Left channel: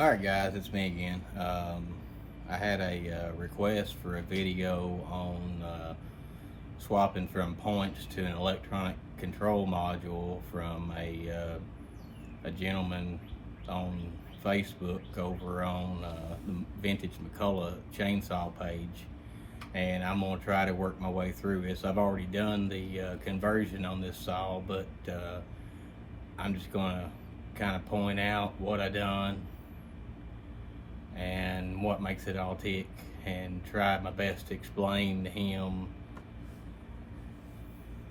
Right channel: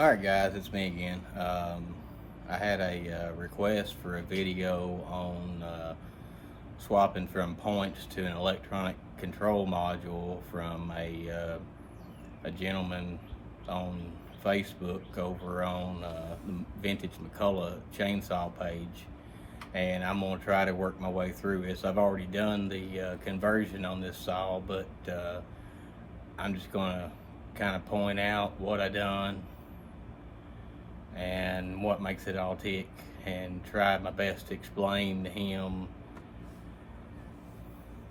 Alright guys, it's me again. I had a request for a video on swapping from points to an electronic control module from a gentleman on Facebook over on the Vintage McCulloch chainsaw page, and I'm going to try to work my way through this. I've already done the conversion on this saw, but I'm just going to kind of point out what I done and what makes it all tick, and try my best to explain to him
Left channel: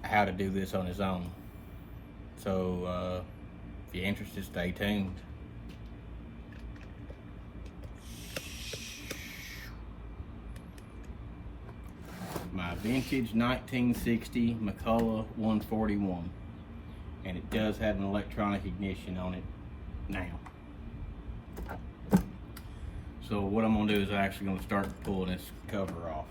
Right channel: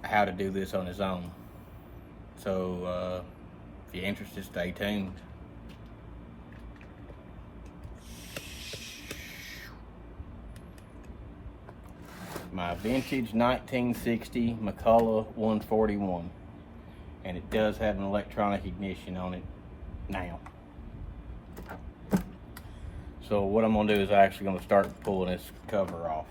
how to do this on his own. So if you're interested, stay tuned. My vintage 1960 McCulloch 141, and it does have an electronic ignition on it now. So what I'm gonna do is I'm actually gonna start pulling this cover off.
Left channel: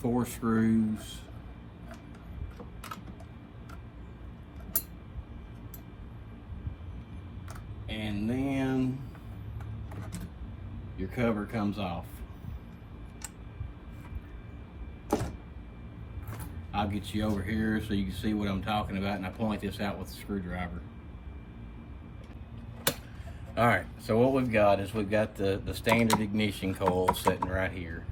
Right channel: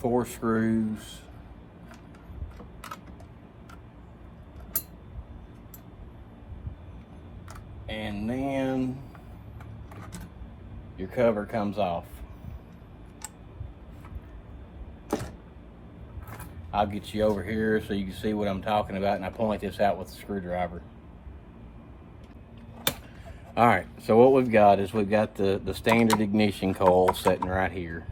Four screws, and then your cover comes off. I'll get you over here so you can see what I'm talking about, and I point this out with a screwdriver. All right, so what we've got is we've got the standard ignition coil sitting right here.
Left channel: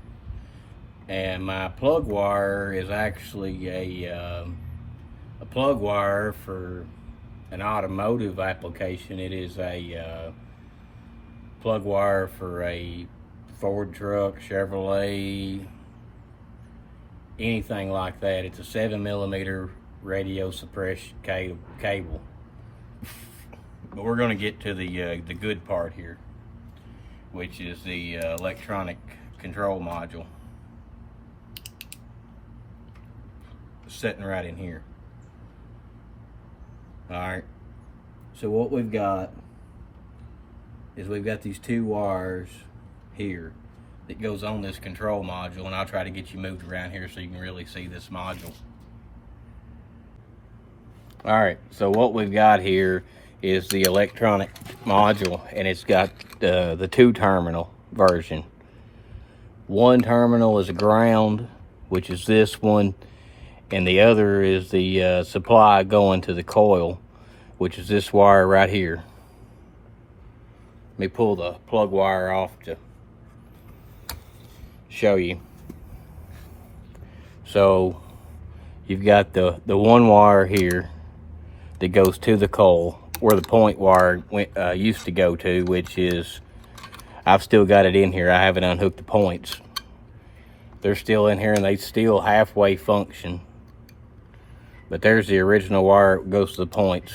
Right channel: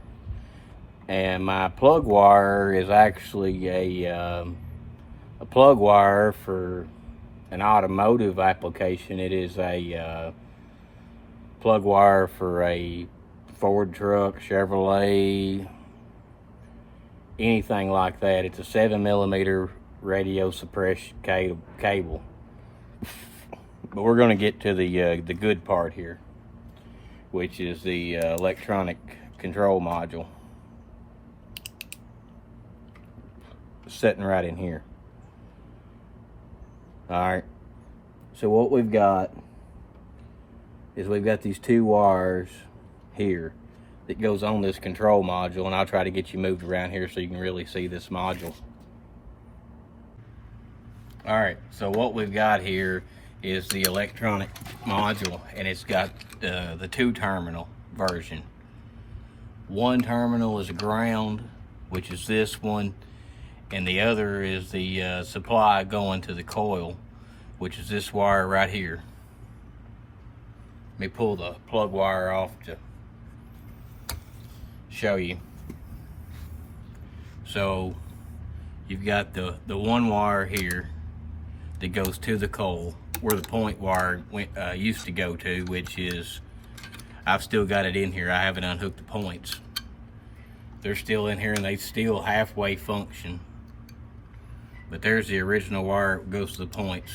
And my plug wire is actually a plug wire for an automotive application. It is a plug wire for a Ford truck, Chevrolet, anything like that. It's a 7mm radio suppression cable. But we're going to get to the good part here, which is the electronic control module. Sitting right in here. All right, so what we've got is we've got these two wires here that goes on this control module, and I'll try to get you moved around here so you can really see this module. All right, so what we've got here is the electronic module, and it's got the 2-terminal version. One terminal is a ground, which is this one, and the other is the supply going to the coil, which is this wire right here. Let me pull the plug wire off to show you. So you've got the one wire here that goes to the coil, where the point wire used to go to, which is, I've still got it in here. I haven't unhooked the points. They're still in here, and they still halfway function. But there's the original wire that goes to the points.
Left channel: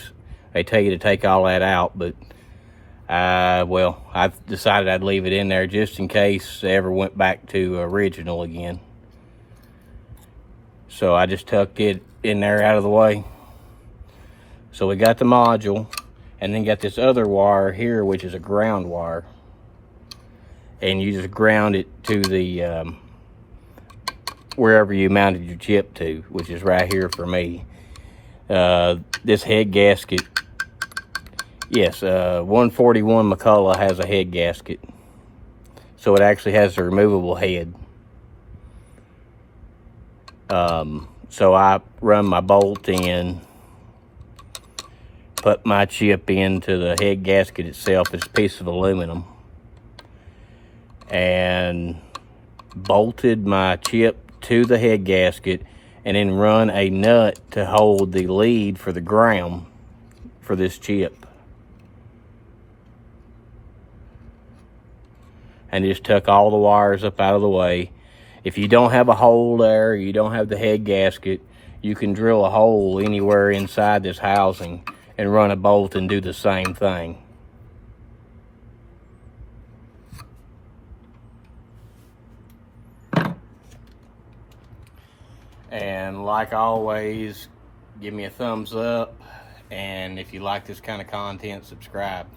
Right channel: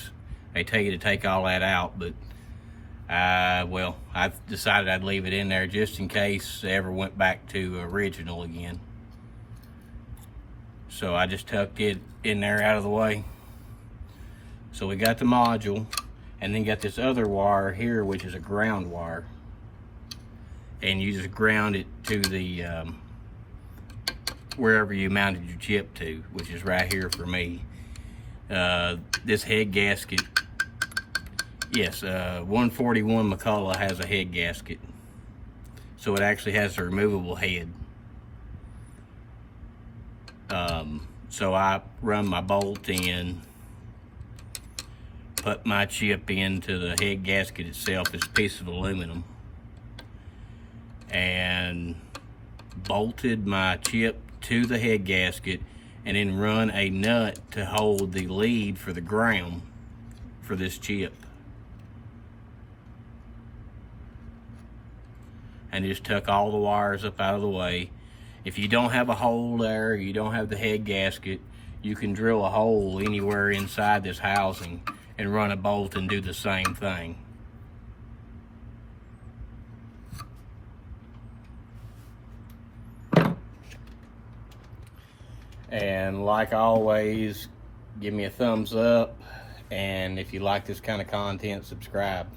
They tell you to take all that out, but well, I decided I'd leave it in there just in case they ever went back to original again. So I just tucked it in there out of the way. So we got the module, and then got this other wire here, which is a ground wire. And you just ground it to the wherever you mounted your chip to, which is right here for me. This head gasket, yes, 141 McCulloch has a head gasket, so it actually has a removable head. So I run my bolt in, put my chip into the head gasket itself. It's a piece of aluminum, and bolted my chip to the head gasket, and then run a nut to hold the lead for the ground for this chip. and just took all the wires up out of the way. If you don't have a hole there, you don't have the head gasket, you can drill a hole anywhere inside this housing and run a bolt and do the same thing. And like always, give me a thumbs up, and if you like this kind of content, subscribe.